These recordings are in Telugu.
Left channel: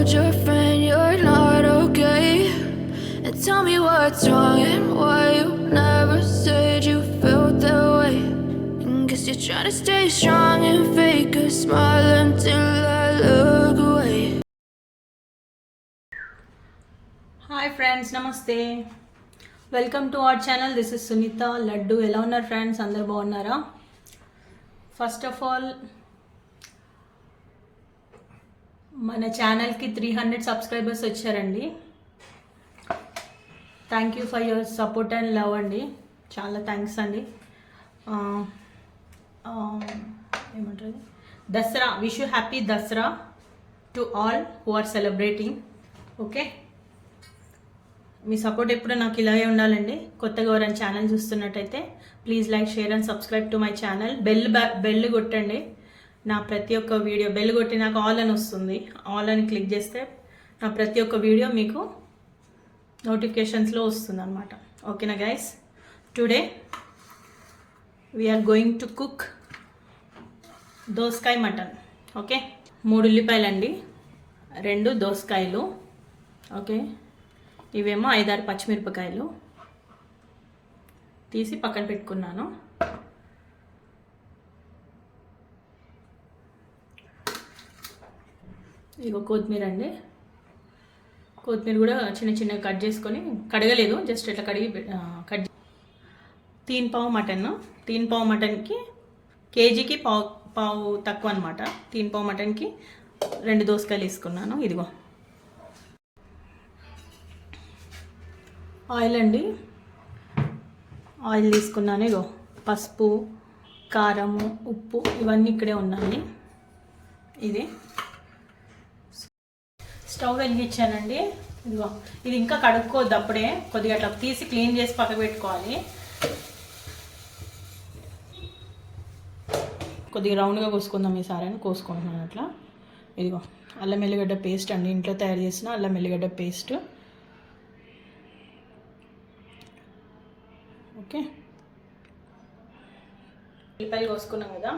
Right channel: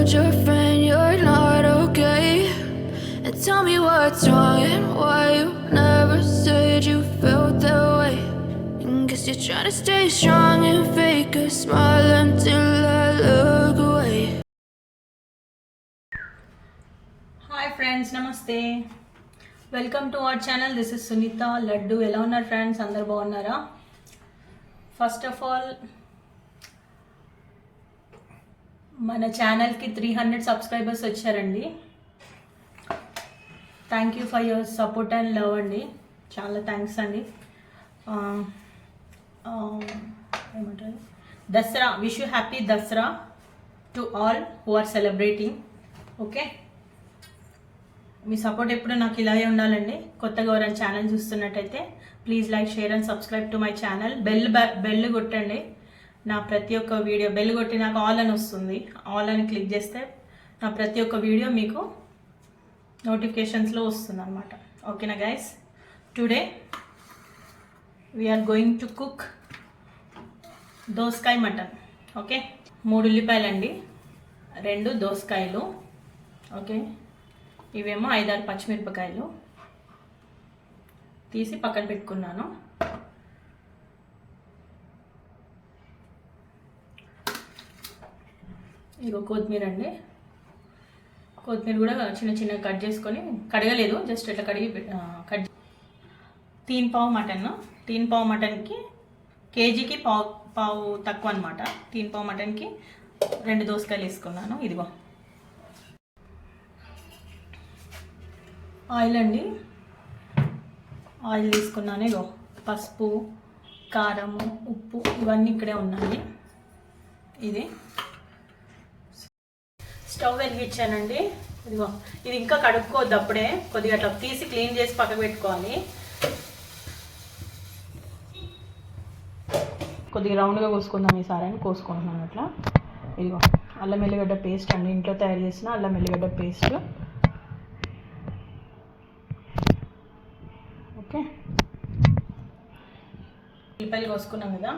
told your friend you're not okay, and tell me what's wrong and why you never said you felt that way. And guess you're trying to stay strong and fake a smile until I look away. Hi friends, namaste. Welcome to our channel. This is Sunita Laddu. ఎలా ఉన్నారు ఫ్రెండ్స్? అందరు బాగున్నారా? ఫస్ట్ ఆఫ్ ఆల్ మన ఛానల్కి 300 సబ్స్క్రైబర్స్ వచ్చారండి. Thank you for your support and love అండి. చాలా థ్యాంక్స్ అండి. ఏమంటారు, Dasara, wish you happy Dasara to all who are celebrating. Okay, మీ సపోర్ట్ ఎప్పుడు నాకు ఇలాగే ఉండాలండి. కొత్తగా ఎవరైనా ఛానల్ చూస్తున్నట్టయితే please like, share and subscribe to my channel. Bell కొట్టండి. నా ప్రతి ఒక్క వీడియో బెల్ కొట్టి నాకు ఆల్ అని వస్తుంది. ఆల్ అని క్లిక్ చేస్తే నా ప్రతి ఒక్క వీడియో మీకు నోటిఫికేషన్స్లో వస్తుంది అన్నమాట. ఓకేనా guys? Today we are going to cook దోసకాయ మటన్. ఓకే, 3 ఉల్లిపాయలండి, 2 దోసకాయలు, ఓకే, ఇవేమో 5-6 పచ్చిమిరపకాయలు తీసి పక్కన పెట్టుకున్నాను. ఇగో కొత్తిమీర అండి, కొత్తిమీర కూడా చిన్న చిన్నగా కట్ చేసుకొని, కడగలేదు, జస్ట్ ఇట్లా కడిగి కట్. 3 పావు మటన్, 3 పావు మటన్కి కేజీకి పావు తక్కువ అనమాట. 3 పావు మటన్కి 2 దోసకాయలు వేసుకున్నాను. ఇదిగో ఆయిల్ అండి, ఆయిల్ తీసుకున్నాను. ఇగో పసుపు, కారము, ఉప్పు ఇవన్నీ ఇక్కడే ఉన్నాయి. ఇది స్టవ్ వెలిగించానండి. ఇదిగో ఇది ఇంకా కడుక్కోవద్దు, అప్పుడే కొద్దిగా అట్లా తీసి క్లీన్ చేసి పక్కకు పెట్టుకోవాలి. కొద్దిగా రౌండ్గా కోసుకుందాం ఈసారి అని కోసుకుంటున్నాను అట్లా. ఇదిగో అల్లం ఎల్లిగడ్డ పేస్ట్ అండి, ఇంట్లో తయారు చేసిన అల్లం ఎల్లిగడ్డ పేస్ట్. ఓకే, ఉల్లిపాయలు కోసుకున్నాం కదా,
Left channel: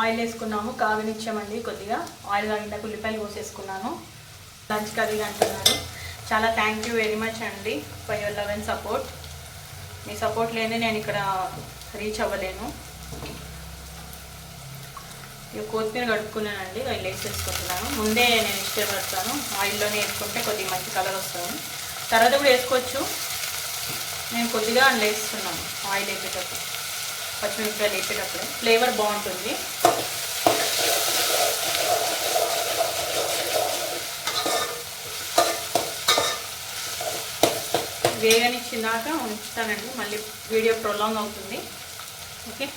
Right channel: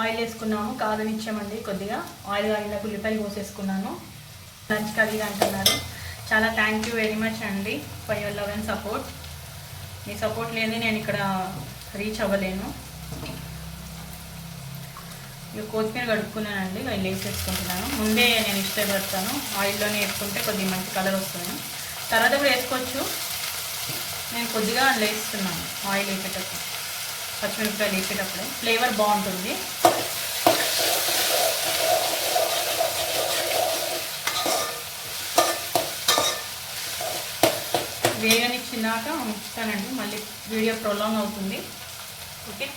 ఆయిల్ వేసుకున్నాము, కాగనిచ్చామండి. కొద్దిగా ఆయిల్ కాగిన ఉల్లిపాయలు కోసేసుకున్నాను. లంచ్ కర్రీ అంటున్నారు. చాలా థ్యాంక్ యూ వెరీ మచ్ అండి for your love and support. Me support లేని నేను ఇక్కడ రీచ్ అవ్వలేను. ఇక కొత్తిమీర కడుక్కున్నానండి, నేను వేసేసుకుంటున్నాను. ముందే నేను ఇష్టపడతాను, ఆయిల్లోనే వేసుకుంటే కొద్దిగా మంచి కలర్ వస్తుంది. తర్వాత కూడా వేసుకోవచ్చు, నేను కొద్దిగా వేస్తున్నాను ఆయిల్ వేసేటప్పుడు, పచ్చిమిరపకాయలు వేసేటప్పుడు ఫ్లేవర్ బాగుంటుంది. వేగనిచ్చినాక ఉంచుతానండి, మళ్ళీ వీడియో ప్రొలాంగ్ అవుతుంది. ఓకే,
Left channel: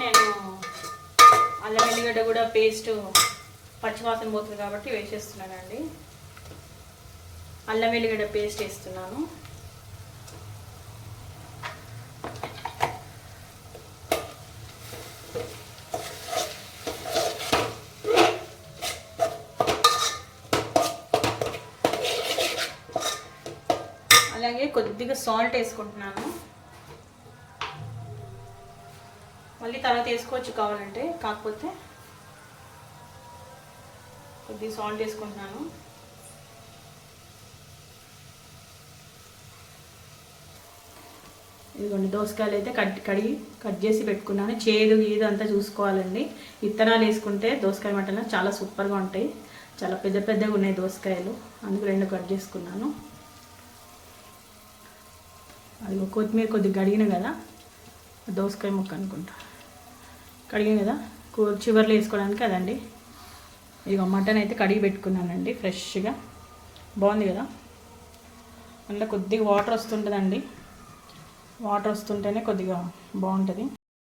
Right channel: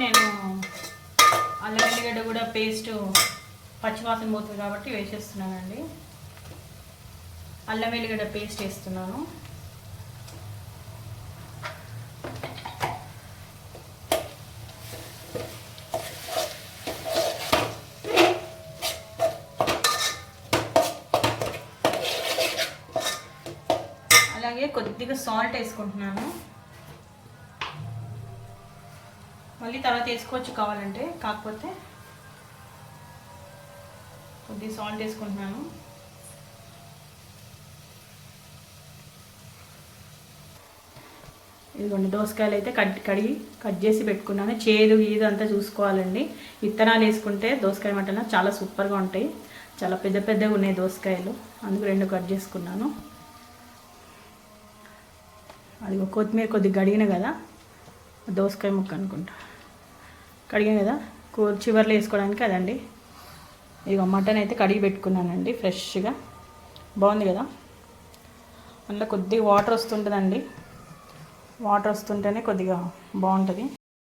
నేను అల్లం వెల్లిగడ్డ కూడా పేస్ట్ పచ్చివాసన పోతుంది కాబట్టి వేసేస్తున్నానండి. అల్లం వెల్లిగడ్డ పేస్ట్ వేస్తున్నాను. అలాగే కొద్దిగా సాల్ట్ వేసుకుంటున్నాను. మళ్ళీ తర్వాత వేసుకోవచ్చు కావాలంటే, కాకపోతే కొద్దిగా సాల్ట్ వేసుకుంటున్నాను. ఇదిగోండి దోసకాయలు అయితే కట్ చేసి పెట్టుకున్నాను. చేదు అంతా చూసుకోవాలండి. విత్తనాలు వేసుకుంటే దోసకాయ మటన్ చాలా సూపర్గా ఉంటాయి. చాలా పెద్ద పెద్దగా ఉన్నాయి దోసకాయలు, అందుకు 2 కట్ చేసుకున్నాను. అది కొత్తిమీర కొద్దిగా కడిగిన కదా, దోసకాయ ముక్క అనుకుంటా కడిగాను కదా, చివర్లో వేసుకోవడానికి అదండి. ఇదిగో మటన్ అయితే కడిగి పెట్టుకున్నానండి ఫ్రెష్గా, బాగుంది కదా. అందులో కొద్దిగా వాటర్ వస్తుంటుందండి. వాటర్ వస్తుంటేనే కొద్దిగా బాగుంటుంది.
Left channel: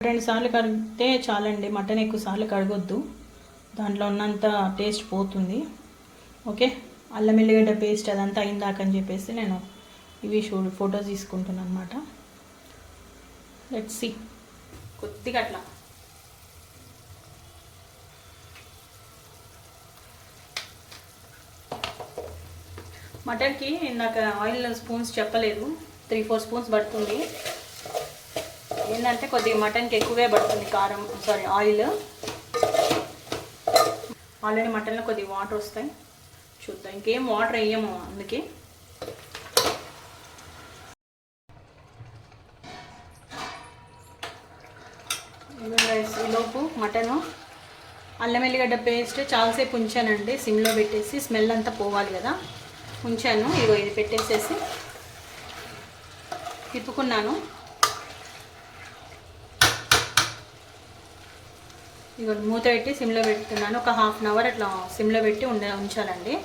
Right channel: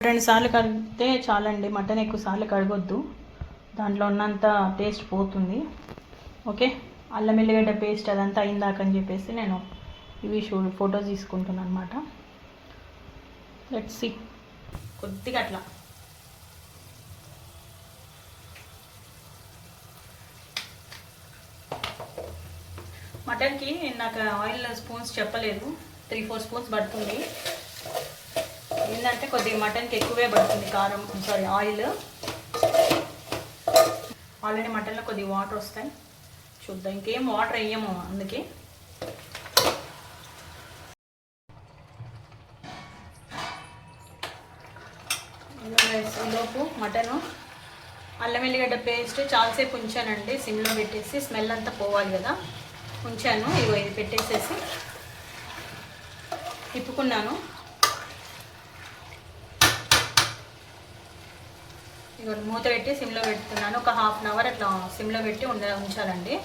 2 సార్లు కడిగితే చాలండి. మటన్ ఎక్కువ సార్లు కడగొద్దు, దాంట్లో ఉన్నంత టేస్ట్ పోతుంది. ఓకే, అల్లం ఎల్లిగడ్డ పేస్ట్ అదంతా అయిందాకని చెప్పేసి నేను ఇవి ఫొటోస్ తీసుకుంటున్నాను అనమాట. Let's see. కొద్దిగా అట్లా మటన్కి నాకు ఆయిల్ స్పూన్స్ చెప్పలేదు, 3-4 స్పూన్స్ పడుతుంది. ఏంటంటే కొద్దిగా మటన్కి ఎక్కువే పడుతుంది కారం, సారీ ఆయిల్. ఆల్రెడీ మటన్లో కొద్దిగా వాటర్ వస్తాయి. చూద్దాం, ఇంకేం వాటర్ వేయము అందుకే. ఈలోపు మటను అల్లం ఎల్లిగడ్డ పేస్ట్ చాలాసేపు ఉంచానండి, సిమ్లో పెట్టేసి స్మెల్ అంతా పోవాలి కదా. ఉంచాను. ఇది పెట్టేసేసి తిప్పుకున్నాను. ఇక మూత పెట్టి సిమ్లో పెడుతున్నాను. ఒక 1/2 అవర్ అట్లా సిమ్లో పెట్టి ఉంచాలండి.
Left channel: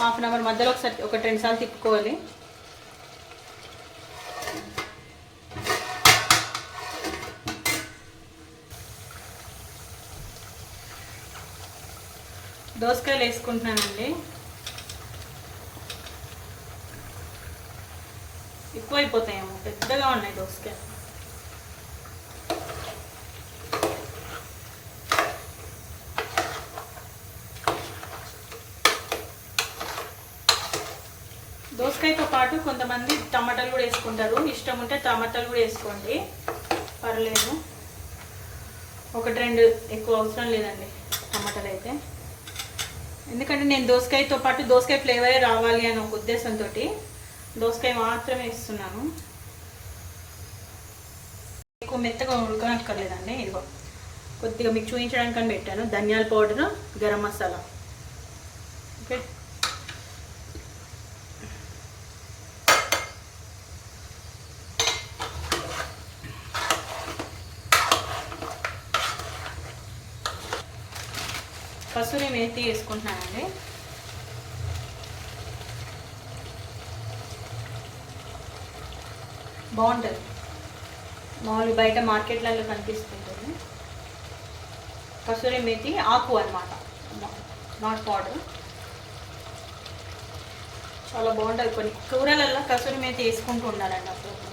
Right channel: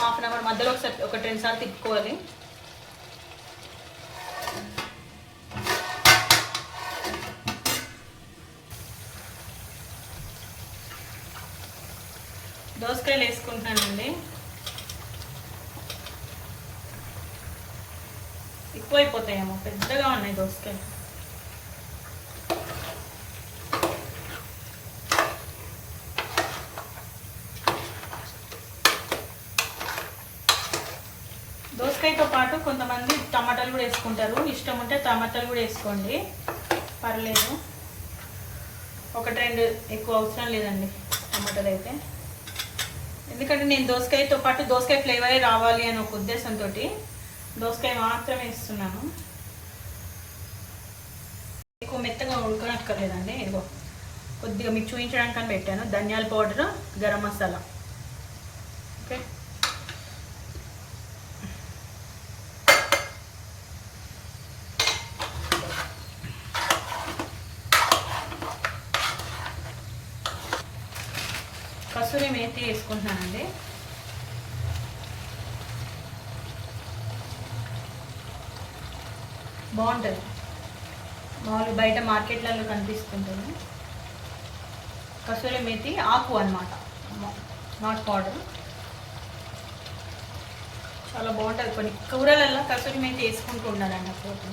1/2 అవర్ మధ్యలో ఒకసారి 1-2 సార్లు తిప్పుకోవాలి. దోసకాయలు వేసుకుంటున్నానండి. ఎక్కువైపోతాయేమో, పెద్దగా ఉన్నాయి దోసకాయలు. దోసకాయతో పాటు కొంతమంది టమాటాలు కూడా వేసుకుంటారు. ఇష్టం ఉంటే టమాటాలు కూడా వేసుకోండి, పర్లేదు. 1-2 ఎక్కువ అవసరం లేదండి టమాటాలు అయితే. ఎందుకంటే నేను దోసకాయతో పాటు దోసకాయ ఫ్లేవరే రావాలి అని ఒక ఉద్దేశంతో దోసకాయ మాత్రమే వేస్తున్నాను. ఎక్కువ మెత్తగా ఉడకనక్కర్లేదండి. ఇదిగో కొద్దిగా మీకు చూపించడానికి అని పెట్టాను. ధనియాల పౌడర్, గరం మసాలా. ఓకే, కసూరి మేతి వేసుకుంటున్నానండి. బాగుంటుంది, మామూలు బయట మార్కెట్లలో కనిపిస్తుంటుంది. కసూరి మేతి ఆకు అన్నమాట, నాట్ పౌడర్. చాలా బాగుంటుంది. కొన్ని కూరలలో కసూరి మేతి వేసుకుంటూ ఉండాలండి అప్పుడు.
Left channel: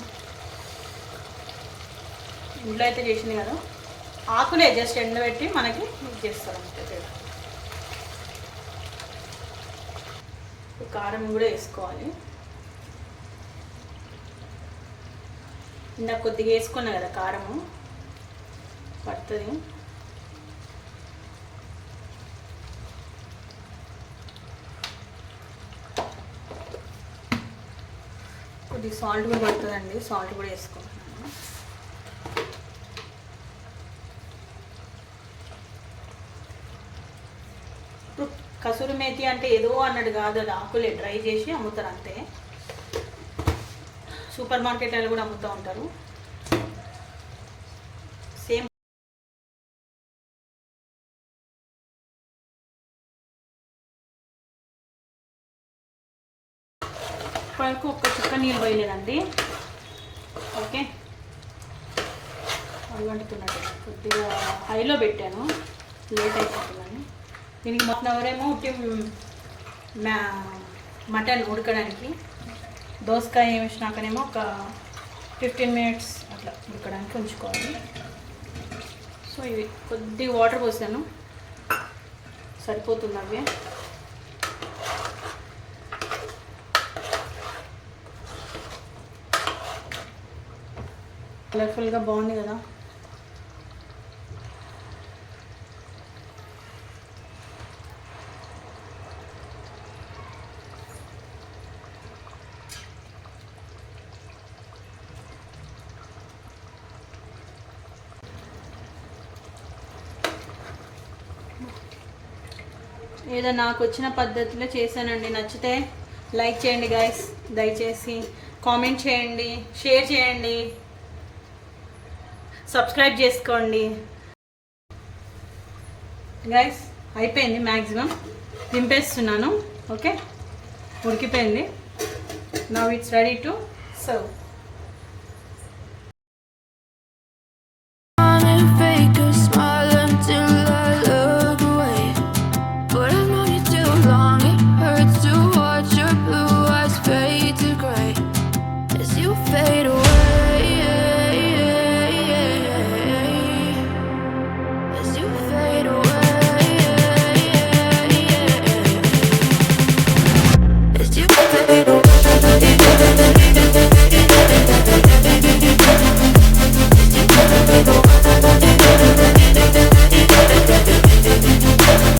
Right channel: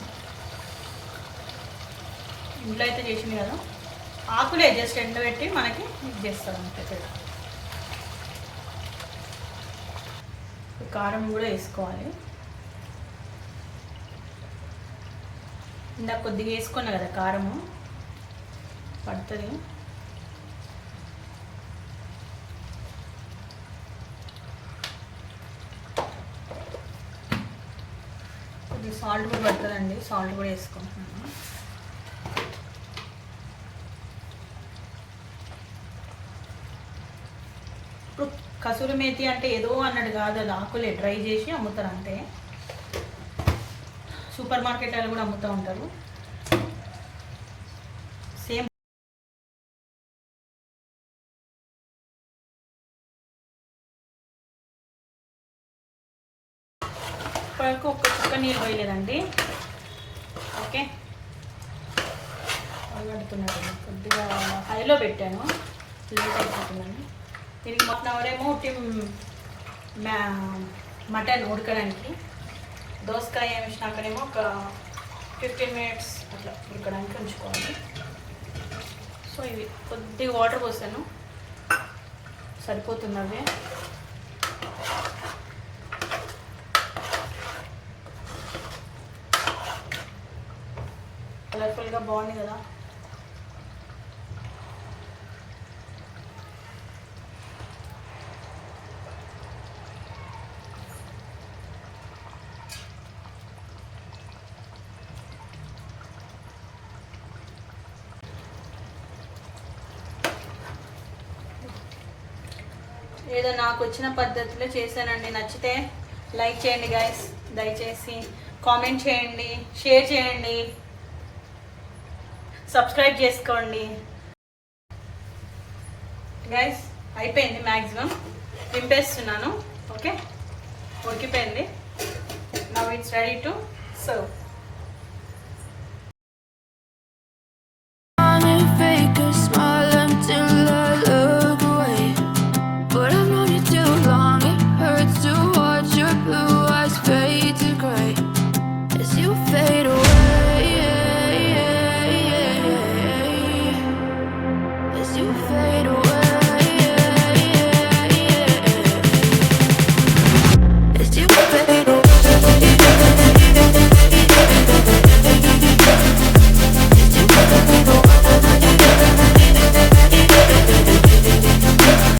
ఇంట్లో అయితే చేసింది కదా, ఆకులే జస్ట్ ఎండబెట్టి మనకి మిక్స్ చేస్తాను అంతే. కారం కూడా వేసుకోవాలి. ఇందాక కొద్దిగా వేసుకున్నా కదా కారము, పడుతుంది. కొద్దిగా సాల్ట్ కూడా పడుతుందండి, సాల్ట్ కూడా వేసుకుంటున్నాను. ఇప్పుడు కసూరి మేతి అంటే ఏదో అన్నట్టు కాదు, అది ఆకులే డ్రై చేసి అమ్ముతారు అంతే. సూపర్ మార్కెట్లో కూడా అమ్ముతూ ఉంటారు. సేమ్ ఇప్పటివరకు ఒక్క చుక్క నీళ్ళు పోయలేదండి. ఓకే, వండుతున్నాను. కొద్దిగా హైలో పెట్టాను, లేట్ అయిపోతుందని. దీనికి 1 అవర్ ఏమో మటన్ ఉడకడానికి, దోసకాయ వేసినాకనేమో ఒక 15 మినిట్స్ అట్లా ఉడకడానికి ఉంచుకోవాలి. సో ఇవి కొద్దిగా వాటర్ పోసాను, సరిపోతున్నది. కలర్ఫుల్గా బాగుంది కదా. ఏదో నాకు వచ్చిన పద్ధతిలో చేశానండి. నచ్చితే లైక్ చేయండి గైస్, దయచేసి కామెంట్ చేయండి, షేర్ చేయండి, సబ్స్క్రైబ్ చేసుకోండి గైస్. అయిపోయింది మ్యాక్సిమం, దింపేస్తున్నాను. ఓకే, ఉడికిపోయింది. Now it's ready to serve. And fake a smile until I look away. But I've known you too long, it hurts to watch your blue eyes fade to grey as you fade away, as you fade away, as you fade